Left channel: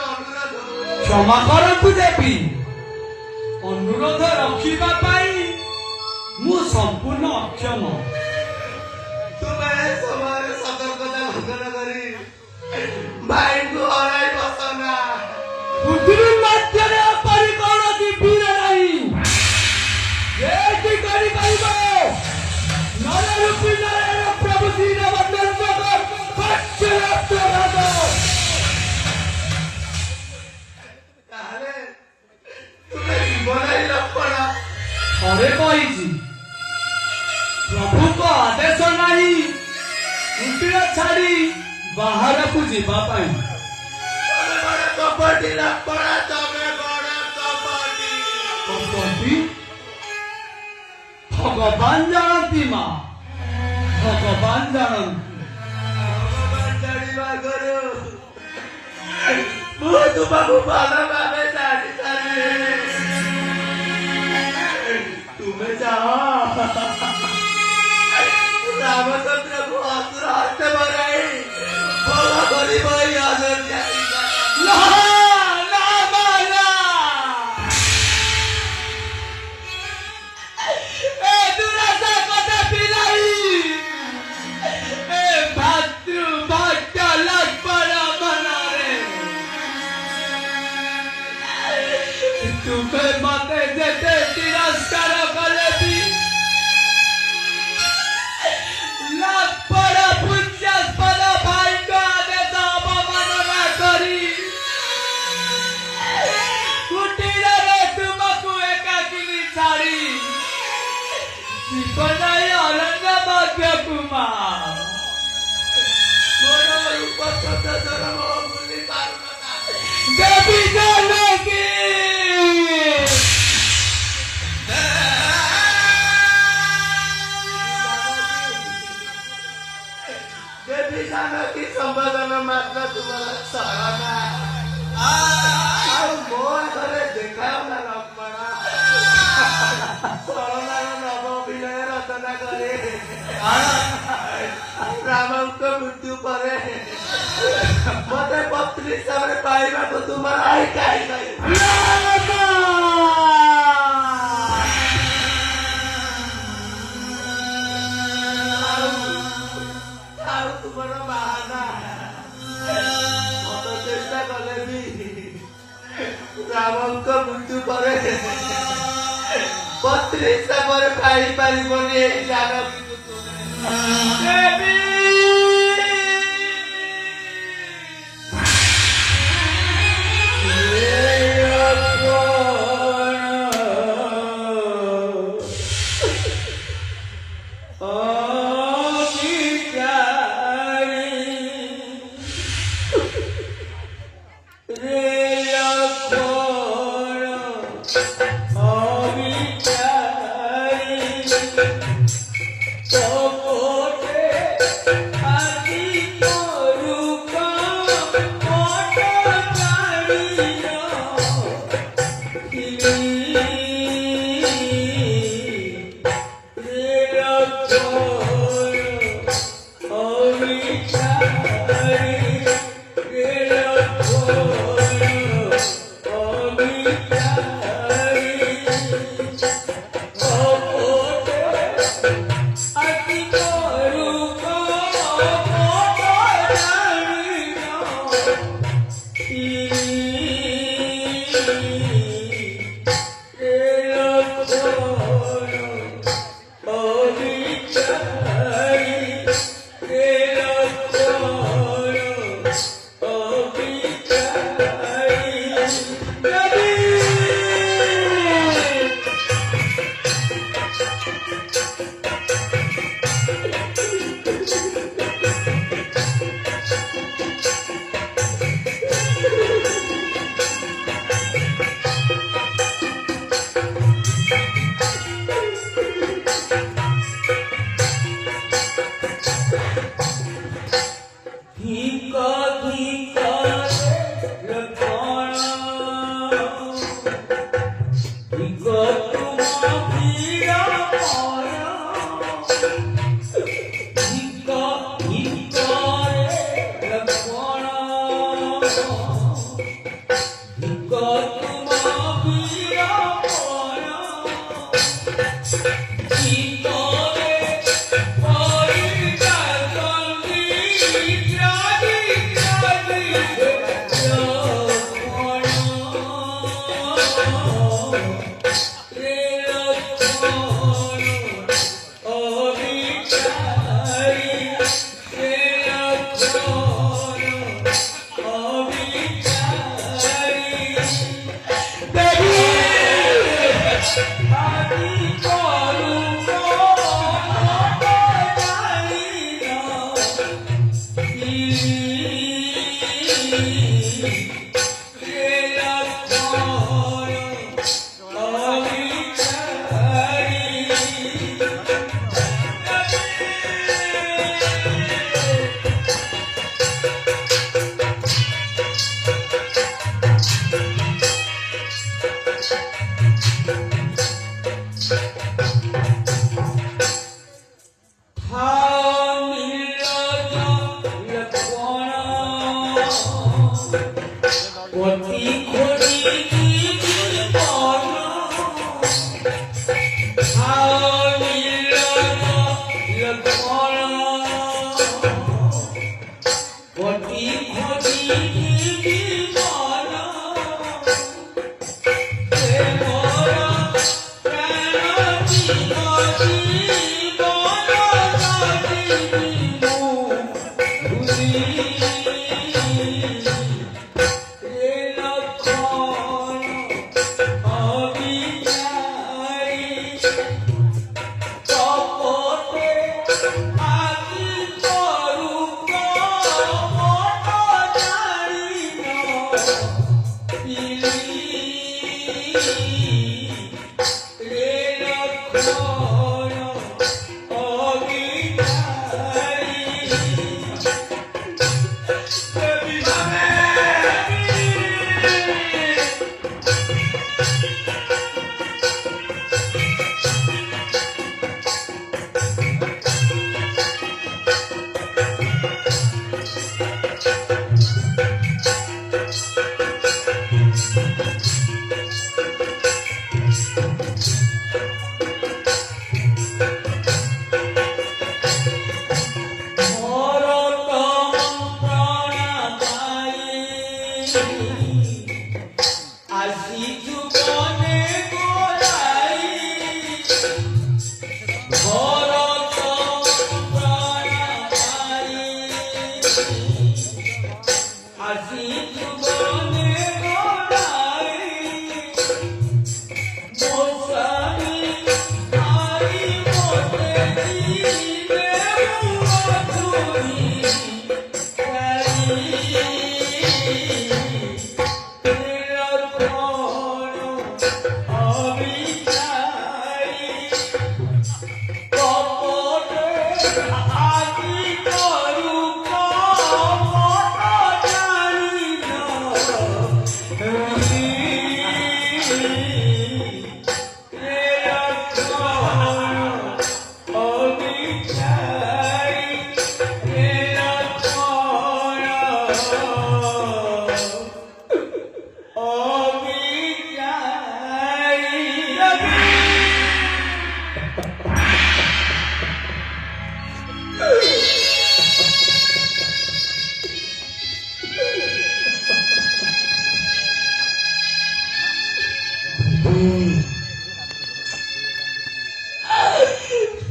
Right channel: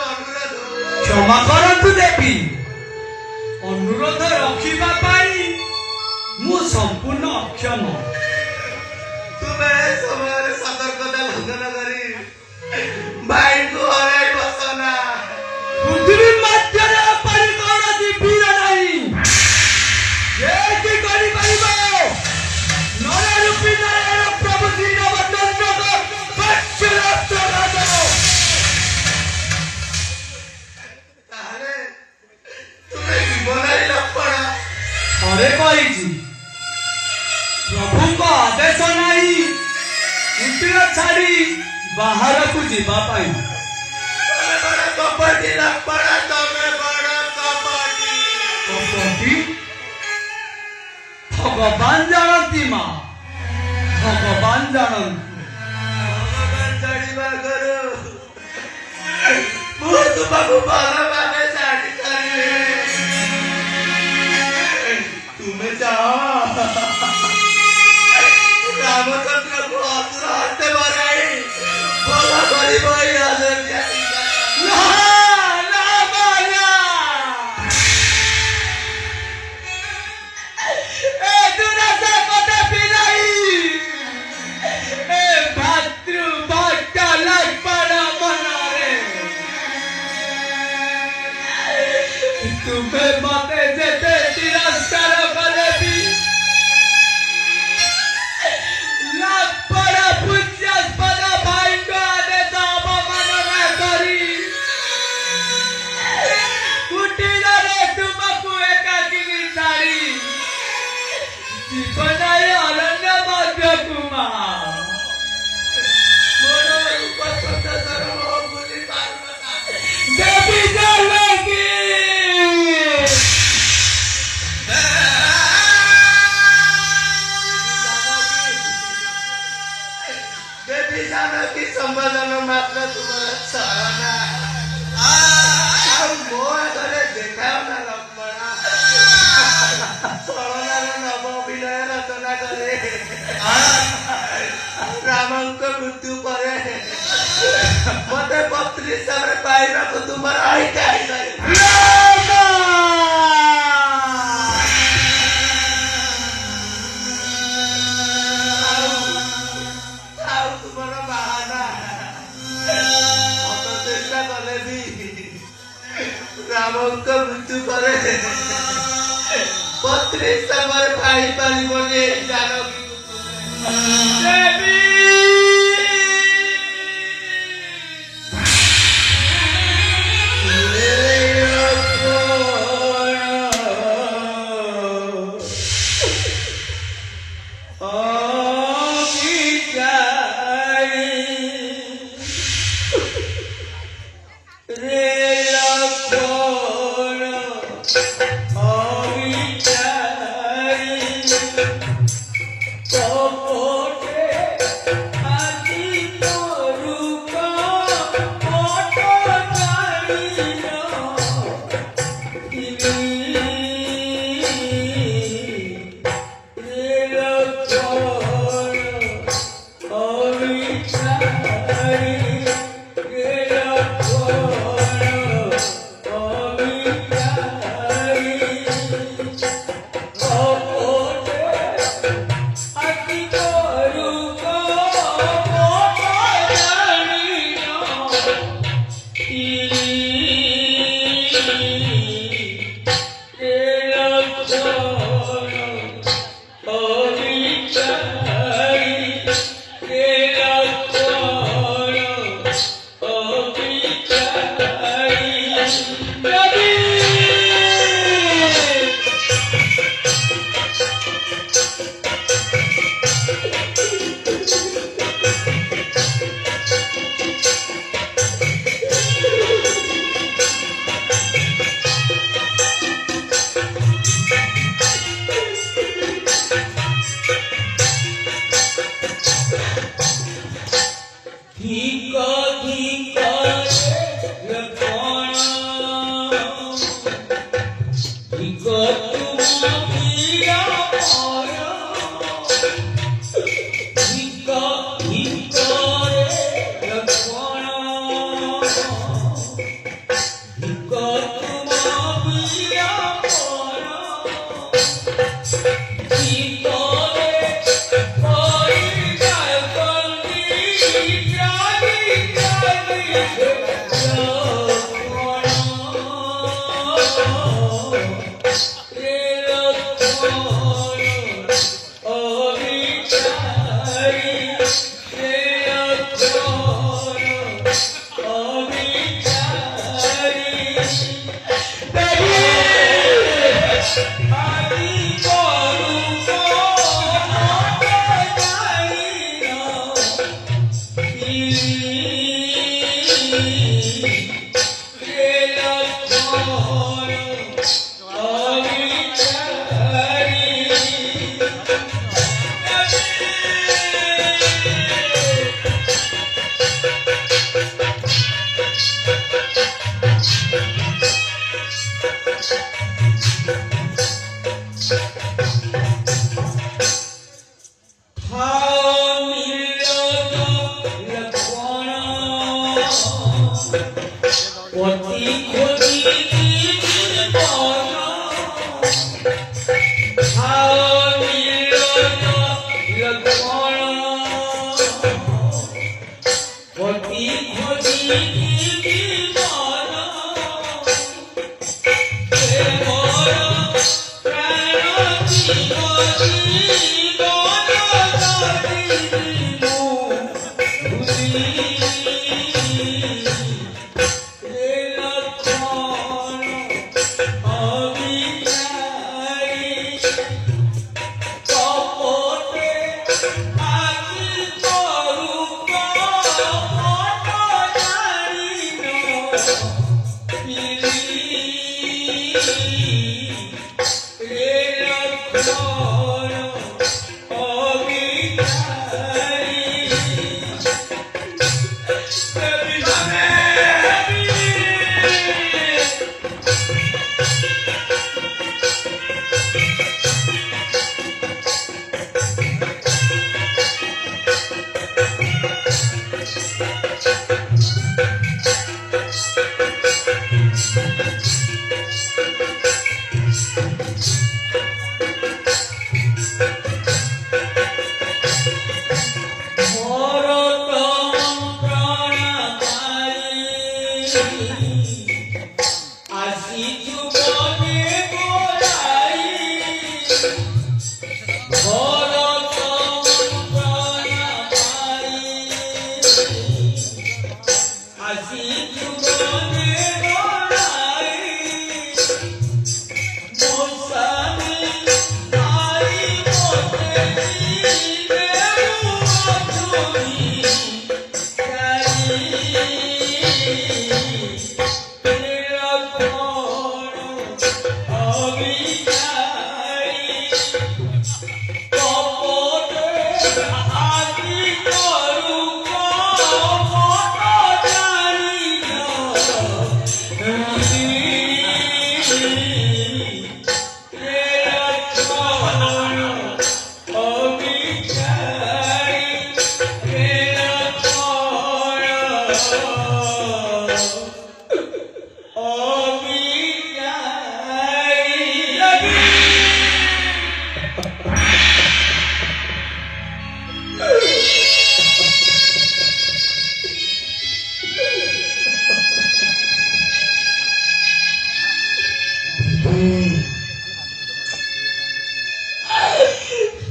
क्षमा करतु देवी अनुरोध रखिबा पाई मु संपूर्ण अक्षम तुम्हें समय सतर्कता लंघन करी भाई को हराई बसना पृथ्वी मध्य परिकरण दिवीर नहीं ये की करी पाइबो नर रूपी नारायण प्रभु श्री रामचंद्र को पक्षरत्व भागो ताहले तुम्हें जीवन ही लपड़ा अरे कही प्रभु को आदेश नहीं कुटीर छाड़ी बाहर को जीवा पाई तमे बड़ा कपटी लपड़ा तमे बड़ा कपटी कपटी भगवान जानती माँ भगवान जानती भगवान जानिबा करो मु तुमको भला माने जानी करी तुम्हें जाओ रामचंद्र को असुर हस्ते मराई भला करी भाई आदर जाती तुम्हें माते जेते तिरस्कार करे भी ଜୀବନରେ ଅରଣ୍ୟ ମଧ୍ୟ କୁମା ମୋର ଉପସ୍ଥିତ ଧର୍ମ ଭୁଲି ପାରୁନା ଦେବୀ ଜାନକୀ देवी जानकी संबोधन मात्र तुमरा चरणा ଆଉ ମୋ ଆଗରେ ଦେଖାଅ ନା ଲକ୍ଷ୍ମଣ ଚରଣାର ନବ ଅଭିନୟ ରଚନା କରେ ରାମଙ୍କ ମୃତ୍ୟୁ ପରେ ମତେ ପତ୍ନୀ ହିସାବରେ ପାଇବାକୁ ତୁମର ଆଇ କାହିଁ ଆଉ ତୁମର ବାହାନା ମତ ଚେଷ୍ଟା କଲେ ବି ରାମଙ୍କ ମୃତ୍ୟୁ ପରେ ପତ୍ନୀ ହିସାବରେ ପାଇପାରିବନି ଏଇ ଜାନକୀକୁ ତୁମେ ଦେବୀ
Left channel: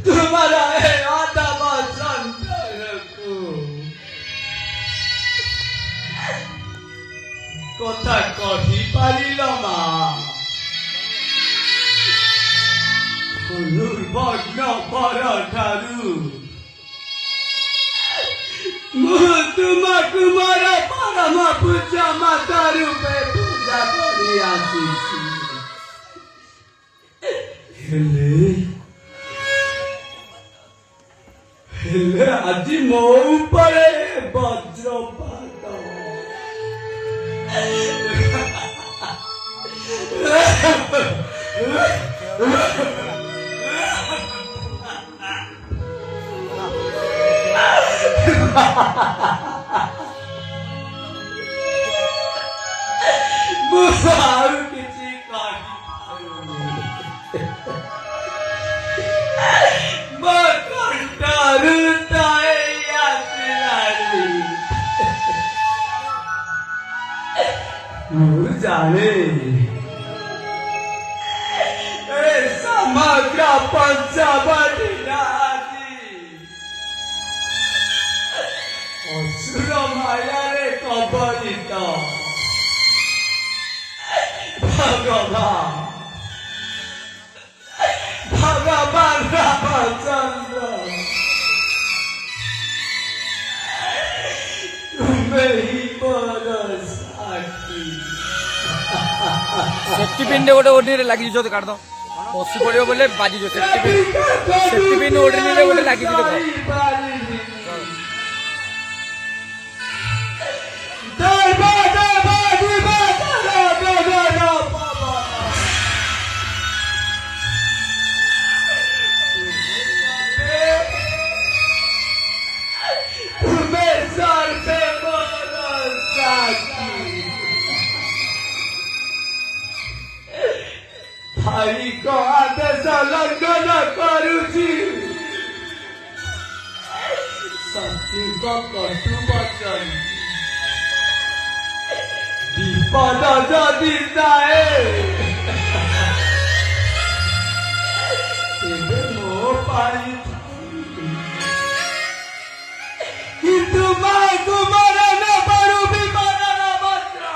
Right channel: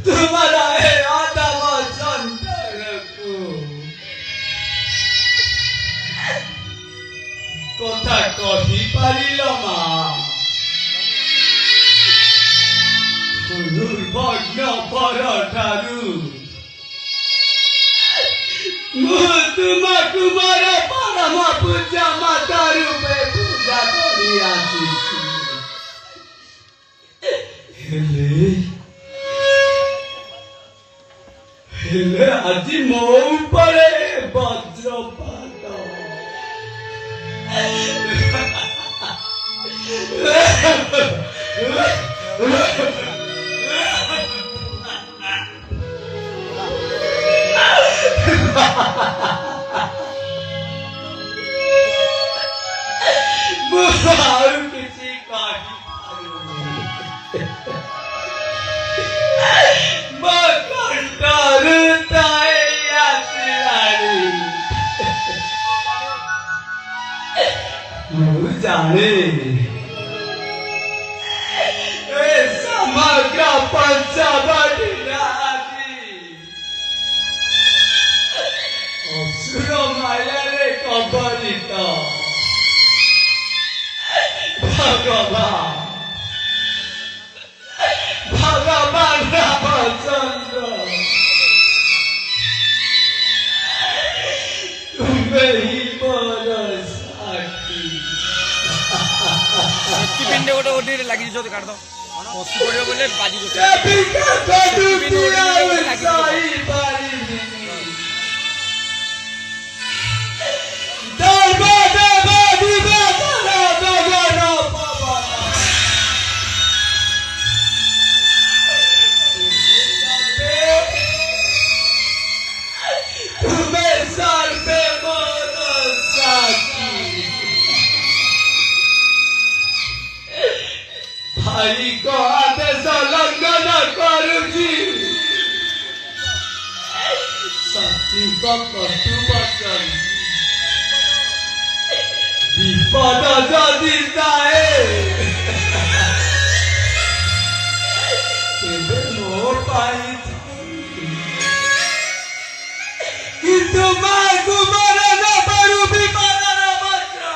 तुम्हारा है आदम संतान को কথা কহি পারিল মা বর্ণ পর ঠারু ମୁଁ ତୁମକୁ ମୋର ପରମ ପୂଜା ମାତା ରୂପେ ପୂଜା କରି ଆସିଛି ହେଲେ ଆଜି ମୋ ଉପରେ ବଜ୍ରପାତ ମୁଁ ଆଉ କିଛି କହିପାରୁନି ମୋ କଣ୍ଠରୁ ତଳି ଆସିଲାଣି ମୁଁ ଜାଣେ ଏ ସମଗ୍ର ପଞ୍ଚବଟୀଟା ଅସୁର ମାୟାରେ କବଳିତ ଭଗବାନ ରାମଚନ୍ଦ୍ର ତୁମେ ହିଁ ମୋର ସାକ୍ଷୀ ଶକ୍ତିପିଣ୍ଡ ଗୋଟେ ଓଢିରେ ଲାଗିଯିବ ତ କାଢ ବସି ପଡିବ ବୋଲେ ବାଜିଯିବ ଶକ୍ତିପିଣ୍ଡ ଓଢିରେ ଗୋଟେ ଲାଗିଯିବ भाई को आदेश लंघन करुची सती को कटु वचन विपद जदि जाए तेरे मो पाई किंतु मां कुमार न परू विपद न वज्र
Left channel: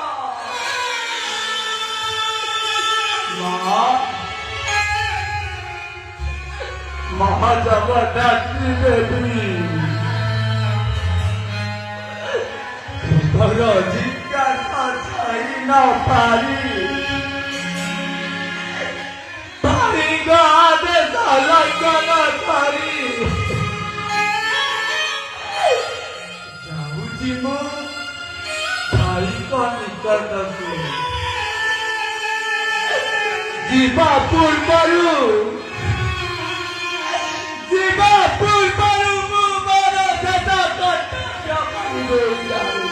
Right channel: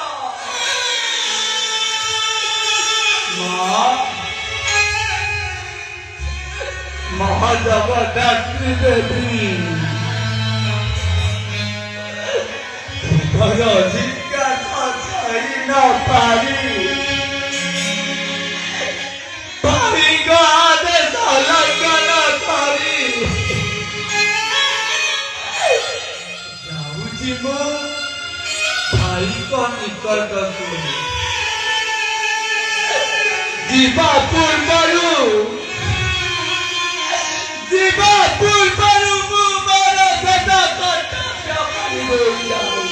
महाजगदात्री देवी घर जिज्ञासा छाई न पारी आदेश लंघन ଯିବା ପୂର୍ବରୁ ମୁଁ ମୋର ଶେଷ କର୍ତ୍ତବ୍ୟ କରିଦେଇଛି।